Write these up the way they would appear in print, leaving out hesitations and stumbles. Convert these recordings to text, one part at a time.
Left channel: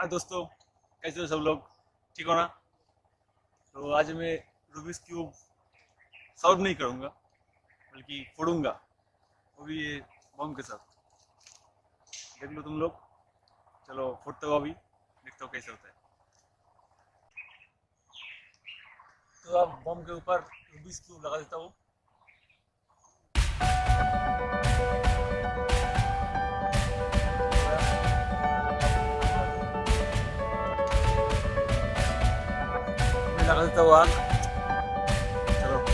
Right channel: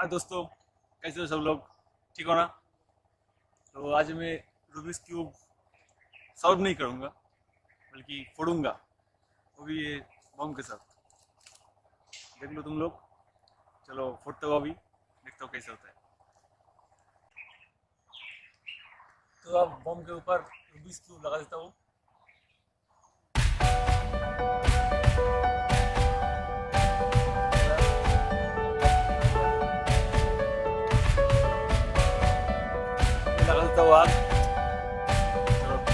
हाँ दोस्तों, कैसे हो सब लोग? ठीक हो ना? तो आज मैं रूबिक्स क्यूब सॉल्व नहीं करूँगा, बल्कि फोड़ूंगा, वो भी ये बम के साथ। देख लो तुम लोग। चलो फोड़ते हो, अभी देखते हो कैसे होता है। तो अब बम के ऊपर रूबिक्स क्यूब लगा देता हूँ। लगा देता हूँ आग। चलो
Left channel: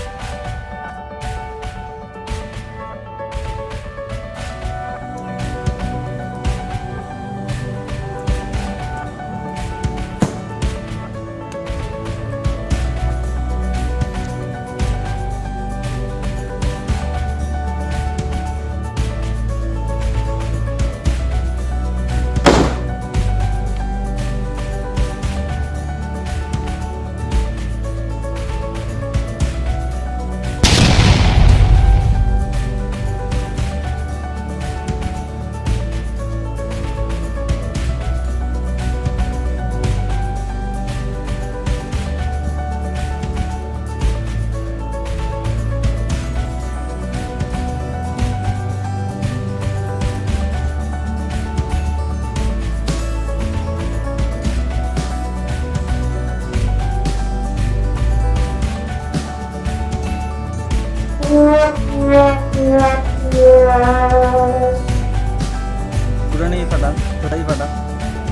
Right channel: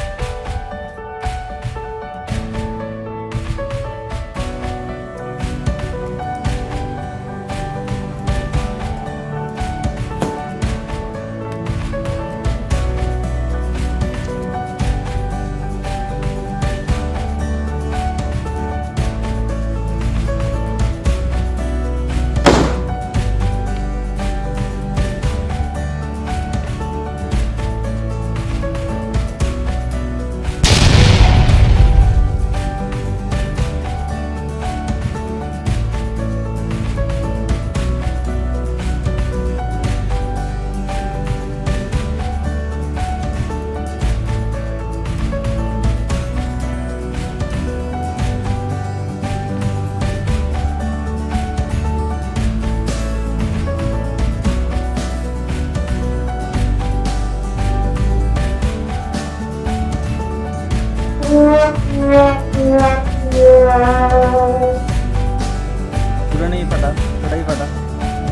पूरा नहीं फटा, थोड़ा ही फटा,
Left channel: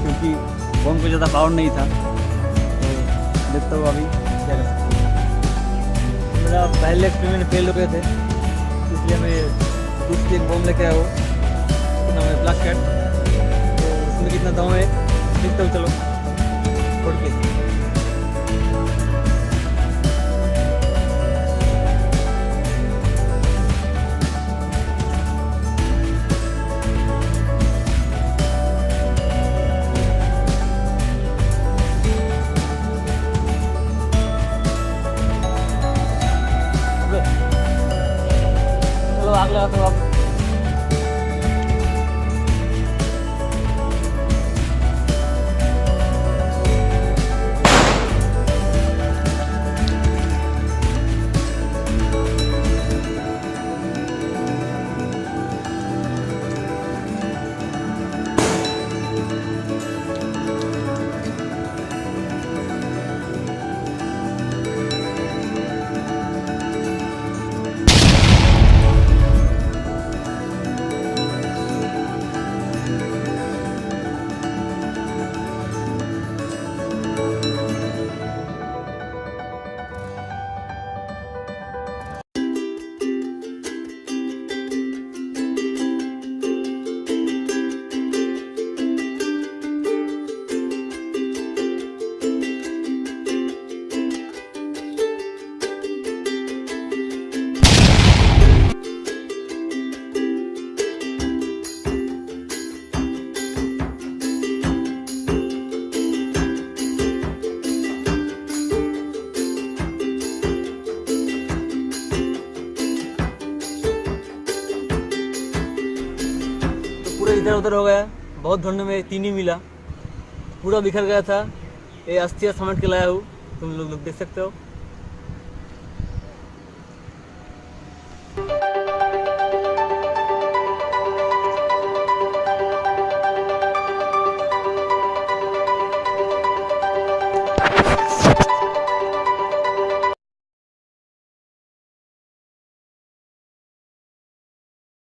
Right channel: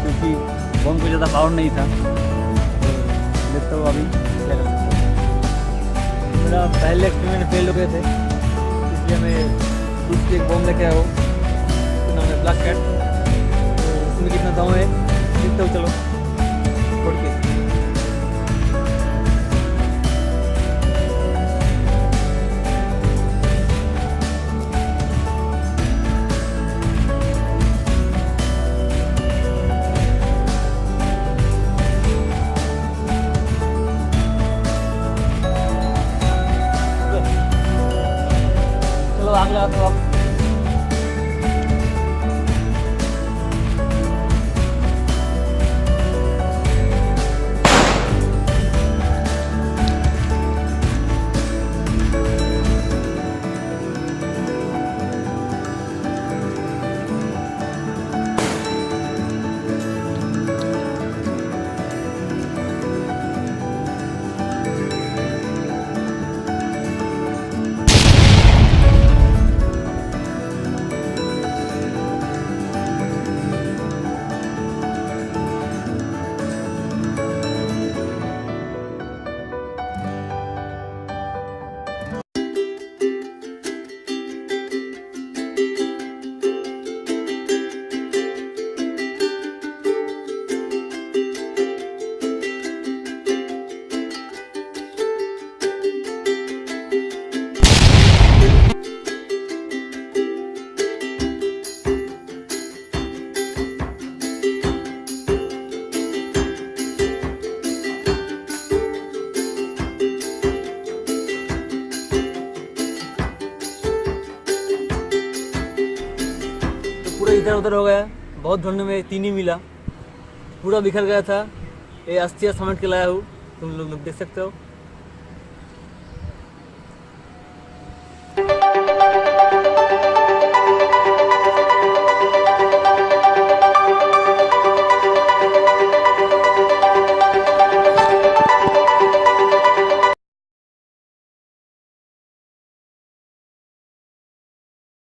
क्योंकि बम को ज़्यादा पावर नहीं था। तो देखता हूँ अभी क्या कर सकता हूँ। मेरा पहले एक्सपेरिमेंट फेल हो गए थे, इसलिए मैं दूसरी एक बम लेके आया हूँ। उसका नाम है ब्लैक कैट। तो उसमें कितना दम है देखता हूँ। चलो फोड़ के। आग लगाता हूँ अब। पूरा इधर उधर हो गया, बहुत ढूंढने में तीन ही मिला, पूरा बिखर गया था। ये अस्थियाँ समेट के लाया हूँ, तुम लोग देख सकते हो।